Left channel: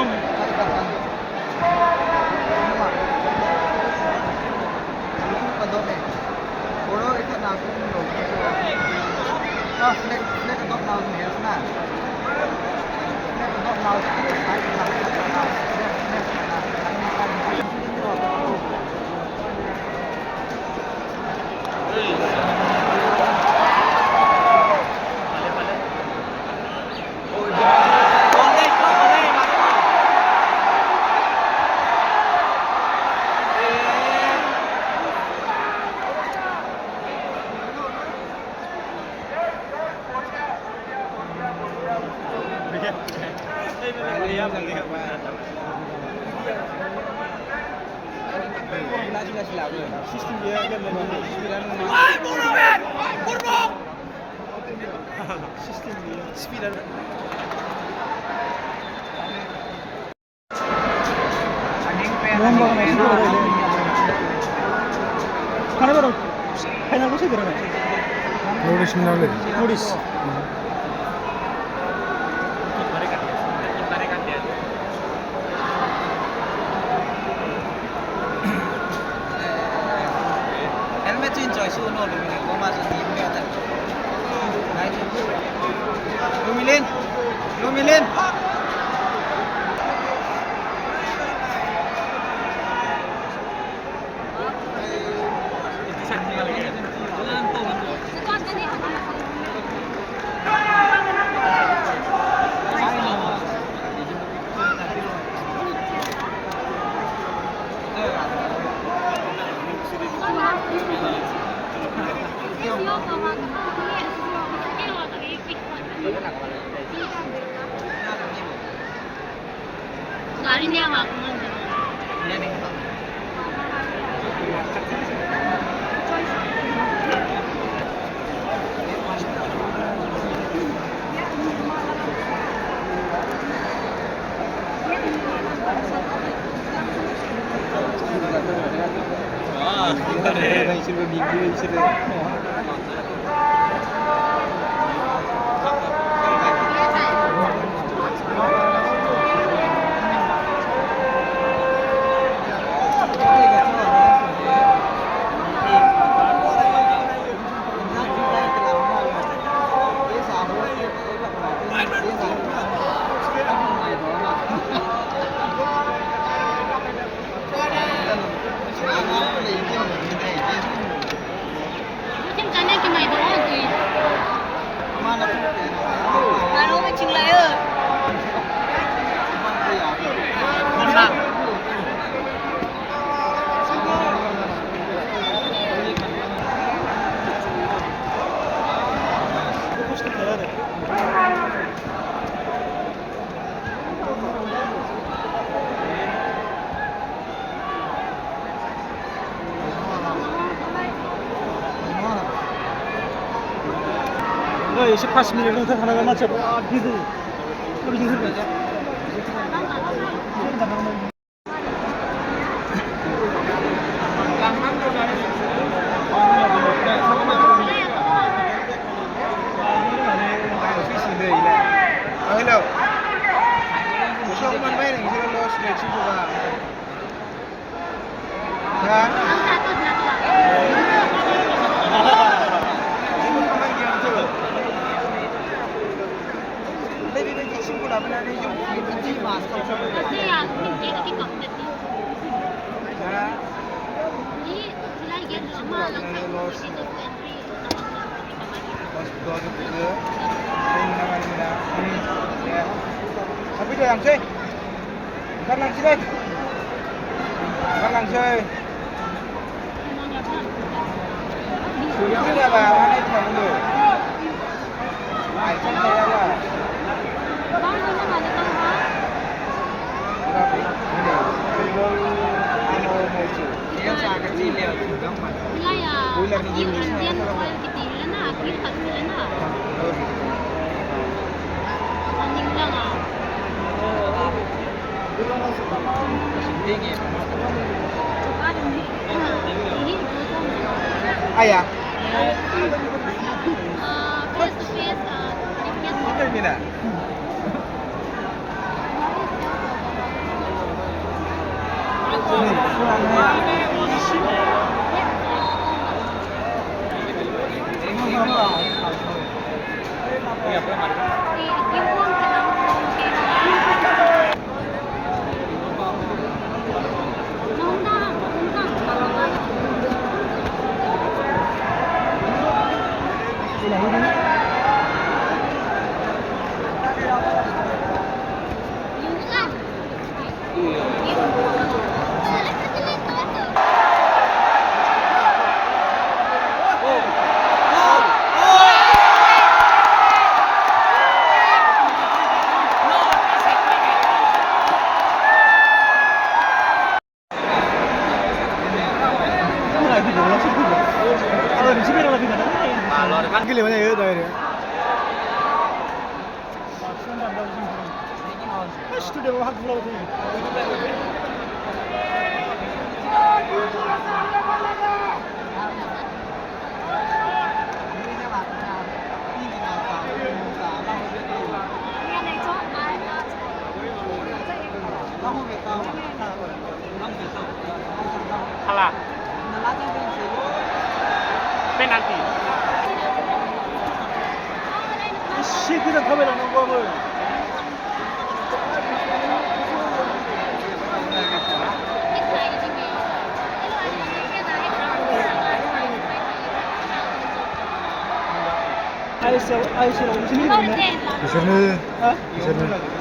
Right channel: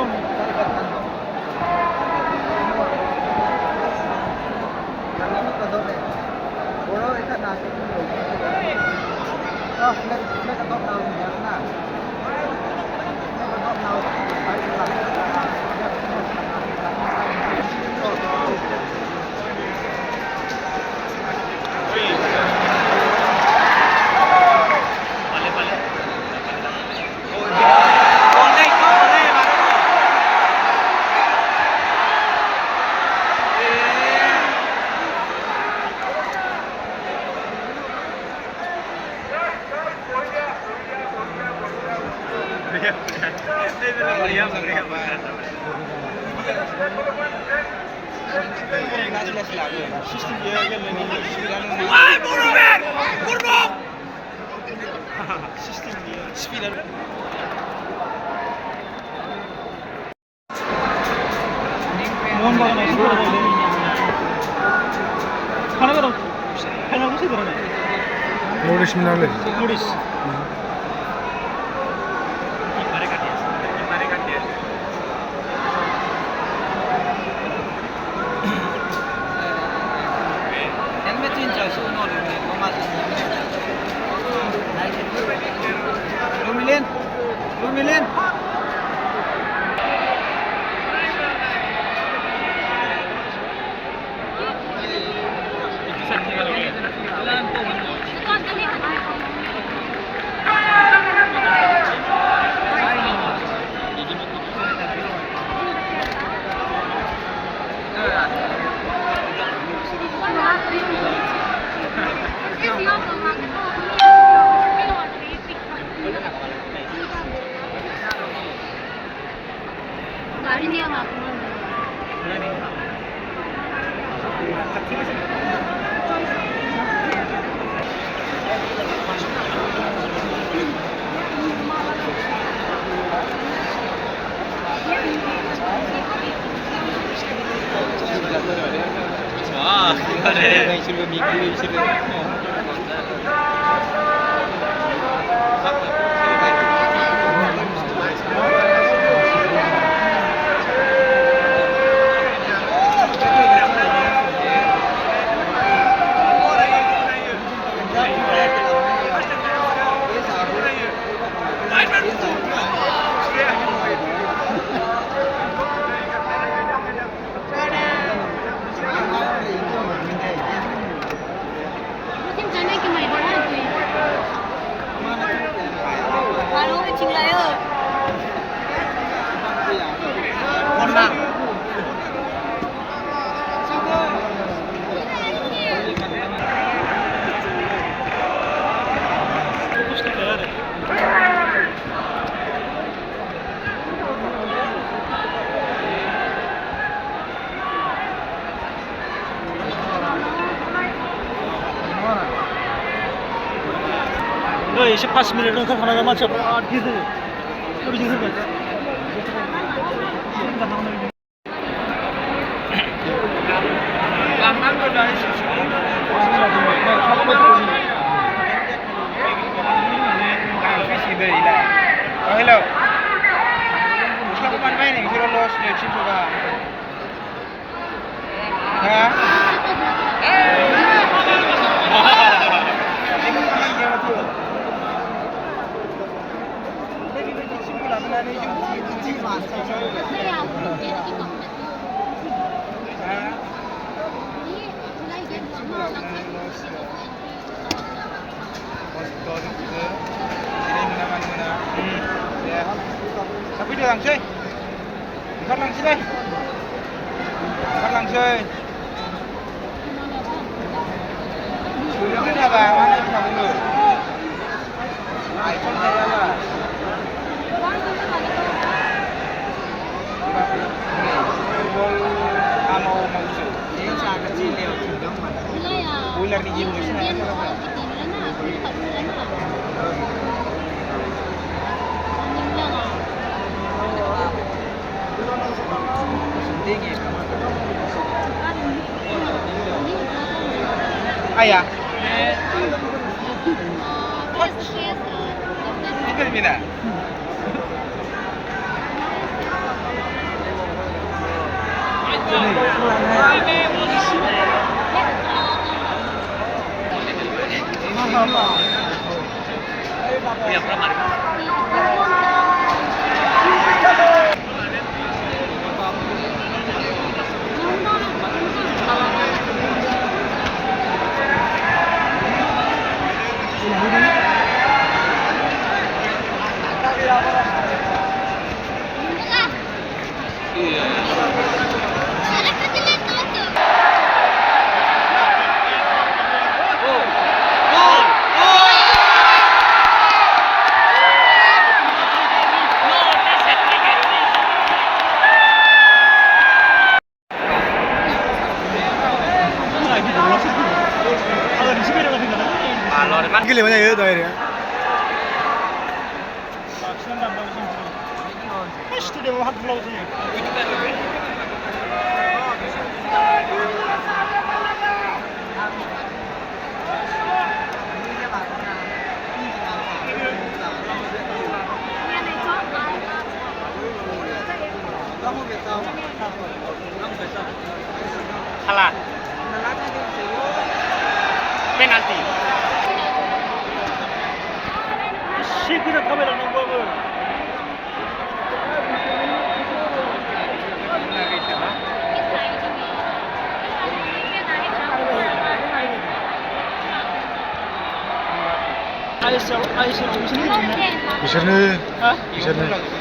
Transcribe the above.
Cari ikan tanduk. Semua. Kalau itu kedok nih. Kalau ikan nasi belum. Oh, flag kedok nau nih ya, nah. Flag kedok nau sai lah lah. Flag Nourish मिनाले Nourish. helmet change choice no lumilin ko mas ni lumilin lumilin Itu sakit lagi. Hari ni awak mana? Wah, ada istri minggu istri. Macam mana ke mai dah tu? Kalau macam lain. Kondan. Fokus ke cara. एसे 5 minute ओंखारखानांगौ मानसिया आदि होयो बिदिनो होबाय लांनांगौ दानि hello बिसोर मोनबाय नै बिसोर लस ने थिनबा हाया Tapi dah langsai. Bukan langsai deh. Bukan langsai. Sudah ada apa? Mana itu kamu dulu? iPhone saya ada. Amo muncul. Dia sangat kecil dia, jauh mana? Bulan ni jenis mana? Ayah. Tinggal bila? Gila banyak ya tuh akhirnya. Kalah. Penalti. 시기를 타면 이거는 아이스 무슨 일이 있네? Bisa nih. 어? Bisa nih.